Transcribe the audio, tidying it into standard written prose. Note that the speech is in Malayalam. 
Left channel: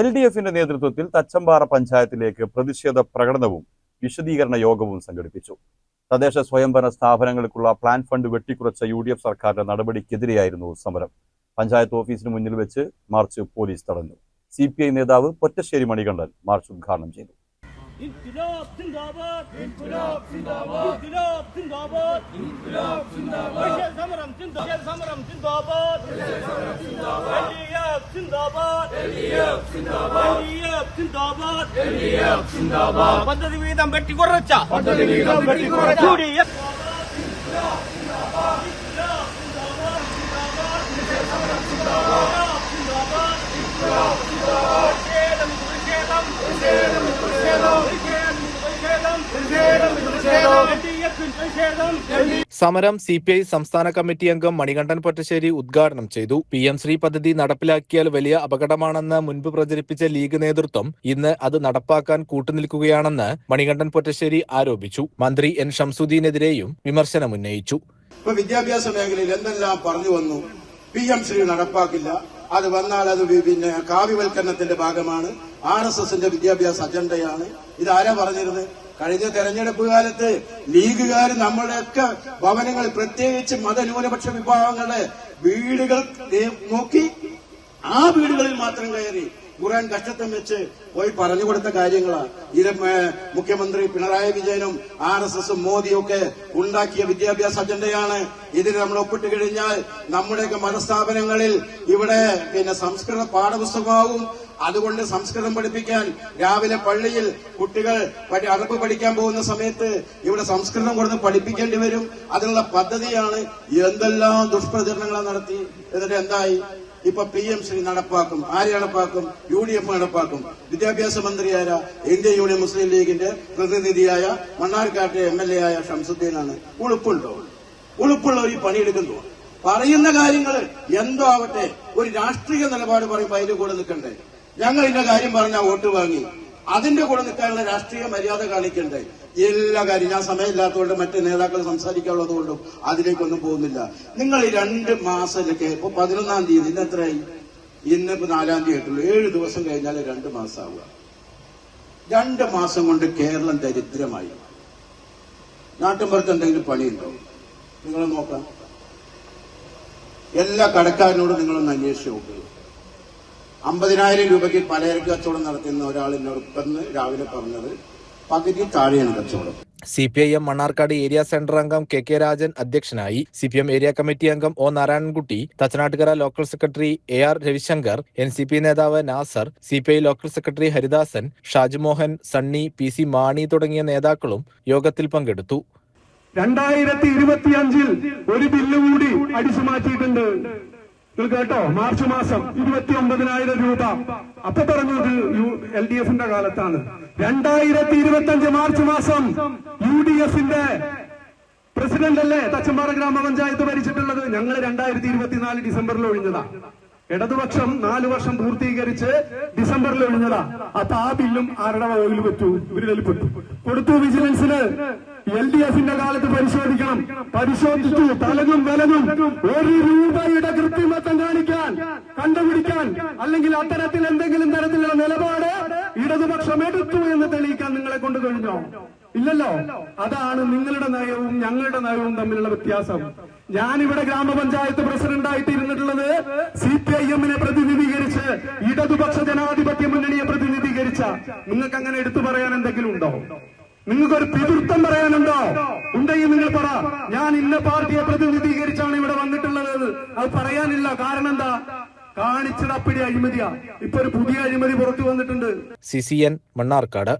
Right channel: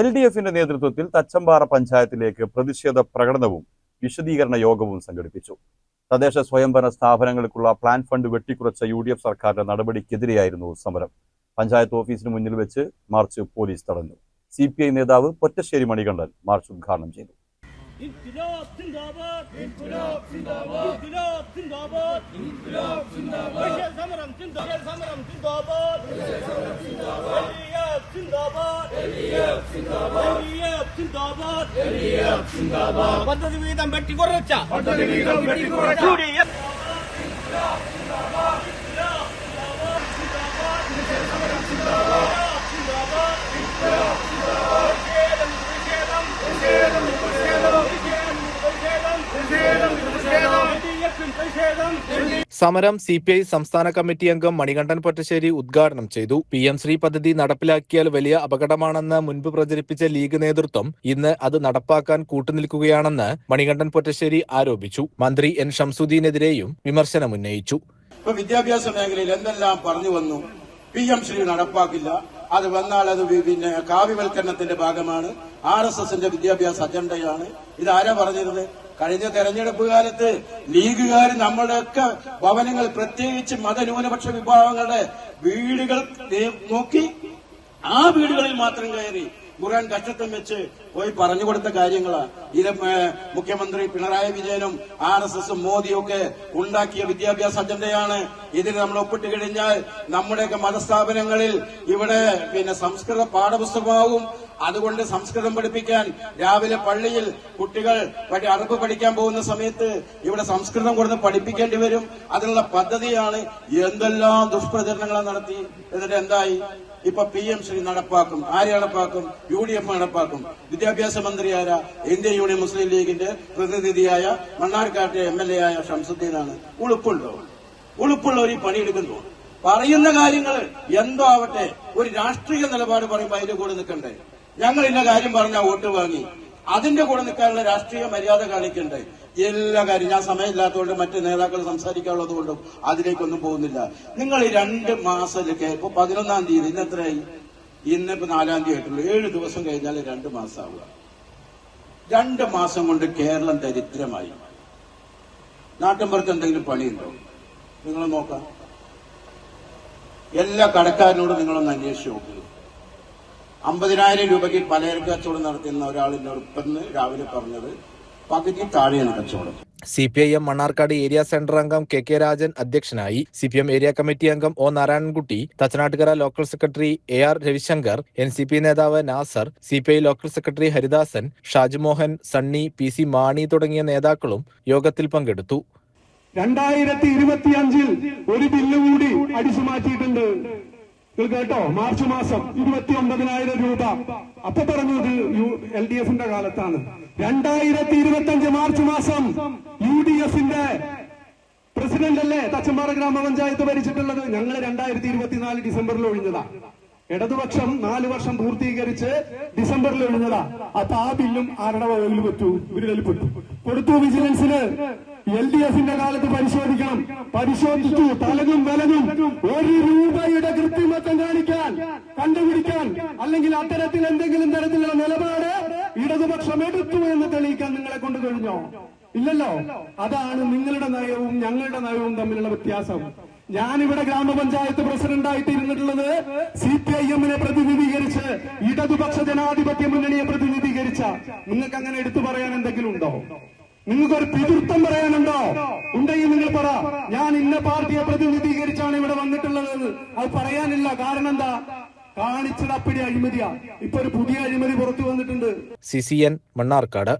LDFിന്റെ നേതൃത്വത്തിൽ തച്ചമ്പാറ പഞ്ചായത്തിലേക്ക് പ്രതിഷേധ പ്രകടനവും വിശദീകരണ യോഗവും സംഘടിപ്പിച്ചു. തദ്ദേശ സ്വയംഭരണ സ്ഥാപനങ്ങൾക്കുള്ള പ്ലാൻ ഫണ്ട് വെട്ടിക്കുറച്ച UDF സർക്കാരിന്റെ നടപടിക്കെതിരെയായിരുന്നു സമരം. പഞ്ചായത്ത് ഓഫീസിന് മുന്നിൽ വെച്ച് മാർച്ച് പോലീസ് തടഞ്ഞു. CPI നേതാവ് പൊറ്റശ്ശേരി മണികണ്ഠൻ മാർച്ച് ഉദ്ഘാടനം ചെയ്തു. İnkılap zindabad, inkılap zindabad, inkılap zindabad, inkılap zindabad. Yeşil samaram zindabad, yeşil samaram zindabad, yeşil samaram zindabad. Elliyap zindabad, elliyap zindabad, elliyap zindabad, elliyap zindabad. പദ്ധതി വീതം വെട്ടിക്കുറച്ച UDF സമരം CPI സംസ്ഥാന കമ്മിറ്റി അംഗം മണികണ്ഠൻ പൊറ്റശ്ശേരി ഉദ്ഘാടനം ചെയ്തു. PM ശ്രീ പദ്ധതി നടപ്പിലാക്കിയാൽ വലിയ അപകടമാണെന്ന് മുൻപ് പ്രചരിപ്പിച്ച ലീഗ് നേതൃത്വം ഇന്ന് അത് നടപ്പാക്കാൻ കൂട്ടുനിൽക്കുകയാണെന്ന് മണികണ്ഠൻ പൊറ്റശ്ശേരി ആരോപിച്ചു. മന്ത്രി N ഷംസുദ്ദീനെതിരെയും വിമർശനമുന്നയിച്ചു. വിദ്യാഭ്യാസ മേഖലയിൽ എന്തെല്ലാം പറഞ്ഞു വന്നു. PM ശ്രീ നടപ്പാക്കില്ല, അത് വന്നാൽ അത് പിന്നെ കാവ്യവൽക്കരണത്തിന്റെ ഭാഗമാണ്, RSSന്റെ വിദ്യാഭ്യാസ അജണ്ടയാണ്. ഇതാരാ പറഞ്ഞിരുന്നത്? കഴിഞ്ഞ തെരഞ്ഞെടുപ്പ് കാലത്ത് ലീഗുകാർ നമ്മുടെയൊക്കെ ഭവനങ്ങൾ, പ്രത്യേകിച്ച് മതന്യൂനപക്ഷ വിഭാഗങ്ങളുടെ വീടുകൾ നോക്കി ആ വീടുകളിൽ മാത്രം കയറി ഖുർആൻ കഷ്ടത്തം വെച്ച് പോയി പറഞ്ഞു കൊടുത്ത കാര്യങ്ങളാണ്. ഇത് മുഖ്യമന്ത്രി പിണറായി വിജയനും RSSും മോദിയും ഒക്കെ ഉണ്ടാക്കിയ വിദ്യാഭ്യാസ അജണ്ടയാണ്. ഇതിന് നമ്മൾ ഒപ്പിട്ട് കഴിഞ്ഞാൽ നമ്മുടെയൊക്കെ മതസ്ഥാപനങ്ങളിൽ ഇവിടെ പിന്നെ സംസ്കൃത പാഠപുസ്തകമാവും. അതുകൊണ്ട് സംസ്കൃതം പഠിപ്പിക്കാൻ രാവിലെ പള്ളിയിൽ കുട്ടികൾ അറബ് പഠിക്കാൻ പോകുന്ന സമയത്ത് ഇവിടെ സംസ്കൃതം കൊടുത്ത് പഠിപ്പിക്കേണ്ടി വരും. അതിനുള്ള പദ്ധതിയാണ്. എന്തെല്ലാം ദുഷ്പ്രചരണങ്ങൾ നടത്തി. എന്നിട്ട് എന്തായി? ഇപ്പൊ PM ശ്രീ നടപ്പാക്കും. ആര് നടപ്പാക്കും? UDF നടപ്പാക്കും. വിദ്യാഭ്യാസ മന്ത്രി ആരാ? ഇന്ത്യൻ യൂണിയൻ മുസ്ലിം ലീഗിന്റെ പ്രതിനിധിയായ മണ്ണാർക്കാട്ടെ MLA ആയ ഷംസുദ്ദീനാണ്. ഉളുപ്പുണ്ടോ? ഉളുപ്പുള്ളവർ ഈ പണിയെടുക്കുന്നു. പറയുന്ന കാര്യങ്ങൾ എന്തോ ആവട്ടെ, ഒരു രാഷ്ട്രീയ നിലപാട് പറയുമ്പോൾ അതിന്റെ കൂടെ നിൽക്കണ്ടേ? ഞങ്ങൾ ഇന്ന കാര്യം പറഞ്ഞാൽ വോട്ട് വാങ്ങി, അതിന്റെ കൂടെ നിൽക്കാനുള്ള രാഷ്ട്രീയ മര്യാദ കാണിക്കണ്ടേ? എല്ലാ കാര്യം ഞാൻ സമയമില്ലാത്തതുകൊണ്ട് മറ്റ് നേതാക്കൾ സംസാരിക്കാനുള്ളത് കൊണ്ടും അതിലേക്കൊന്നും പോകുന്നില്ല. നിങ്ങൾ ഈ 2 മാസത്തിലേക്ക് ഇപ്പൊ 11-ാം തീയതി, ഇന്ന് എത്രയായി? ഇന്നിപ്പോ 4-ാം തീയതി ആയിട്ടുള്ളൂ. 7 ദിവസം കഴിഞ്ഞാൽ 2 മാസമാവുക. 2 മാസം കൊണ്ട് കേരളം ദരിദ്രമായി. നാട്ടിൻപുറത്ത് എന്തെങ്കിലും പണിയുണ്ടോ? നിങ്ങൾ നോക്കാം. എല്ലാ കടക്കാരനോടും നിങ്ങളൊന്ന് അന്വേഷിച്ച് നോക്കുക. 50,000 രൂപയ്ക്ക് പലചരക്ക് കച്ചവടം നടത്തുന്ന ഒരാളിനോട് ഇന്ന് രാവിലെ പറഞ്ഞത് പകുതി താഴെയാണ് കച്ചവടം. CPIM മണ്ണാർക്കാട് ഏരിയ സെന്റർ അംഗം KK രാജൻ അധ്യക്ഷനായി. CPM ഏരിയ കമ്മിറ്റി അംഗം O Narayanankutty, Thachanattukara local secretary AR Ravishankar, NCP നേതാവ് Nasar, CPI local secretary Haridasan, Shajumohan, Sunny, PC Mani തുടങ്ങിയ നേതാക്കളും യോഗത്തിൽ പങ്കെടുത്തു. 2025 ഒരു ബില്ല് കൂടി അടിച്ചു മാറ്റിയിട്ടുണ്ട്. നിങ്ങൾ കേട്ടോ? മാർച്ച് മാസം 29,000 രൂപ. അപ്പൊ പറഞ്ഞത് LDFിന്റെ കാലത്താണ്. 2025 മാർച്ച് മാസം UDFിന്റെ പ്രസിഡന്റ് അല്ലേ തച്ചമ്പാറ ഗ്രാമപഞ്ചായത്ത് ഭരിച്ചിട്ടുള്ളത്? ഞങ്ങൾ 2024 ഡിസംബറിൽ ഒഴിഞ്ഞതാ. ഇടതുപക്ഷം 4 വർഷം പൂർത്തീകരിച്ച് ഡിസംബറിൽ ഒഴിഞ്ഞതാ. അപ്പൊ ആ ബില്ലും ആരുടെ വകയിൽ പറ്റൂ? ഇവരിൽ പെട്ടു. കൊടുത്തു വിജിലൻസിന്. LDFിന്റെ കാലത്ത് പരിശോധിക്കണം. പരിശോധിച്ചു. തലകും വിലകും 1 രൂപയുടെ കൃത്രിമത്വം കാണിക്കാൻ, കണ്ടുപിടിക്കാൻ, അല്ലെങ്കിൽ അത്തരത്തിൽ എന്തെങ്കിലും തരത്തിലുള്ള നിലപാട് ഇടതുപക്ഷം എടുത്തു എന്ന് തെളിയിക്കാൻ നിങ്ങളെ കൊണ്ട് കഴിഞ്ഞോ? ഇല്ലല്ലോ. അതാണ് നിങ്ങളുടെ നയവും ഞങ്ങളുടെ നയവും തമ്മിലുള്ള വ്യത്യാസം. ഞാനിവിടെ ഗ്രാമപഞ്ചായത്ത് പ്രസിഡന്റായിട്ട് ഇരുന്നിട്ടുള്ളത് CPIMനെ പ്രതിനിധീകരിച്ച്, ഇടതുപക്ഷ ജനാധിപത്യ മുന്നണിയെ പ്രതിനിധീകരിച്ച. നിങ്ങൾക്ക് അങ്ങനെ എടുത്തു പറയാൻ എന്തെങ്കിലും ഉണ്ടോ? നിങ്ങൾക്കൊരു പിതൃത്വം പറയാനുണ്ടോ? ഉണ്ടെങ്കിൽ നിങ്ങൾ പറ. ഞാൻ ഇന്ന പാർട്ടിയെ പ്രതിനിധീകരിച്ചാണ് ഇവിടെ വന്നിട്ടുള്ളത്. അത് പറയാനില്ല. കാരണം എന്താ? കാണിച്ചത് അപ്പിടി അഴിമതിയാ. ഇപ്പൊ ഒരു പുതിയ അഴിമതി പുറത്തു വന്നിട്ടുണ്ട്. CCN മണ്ണാർക്കാട്.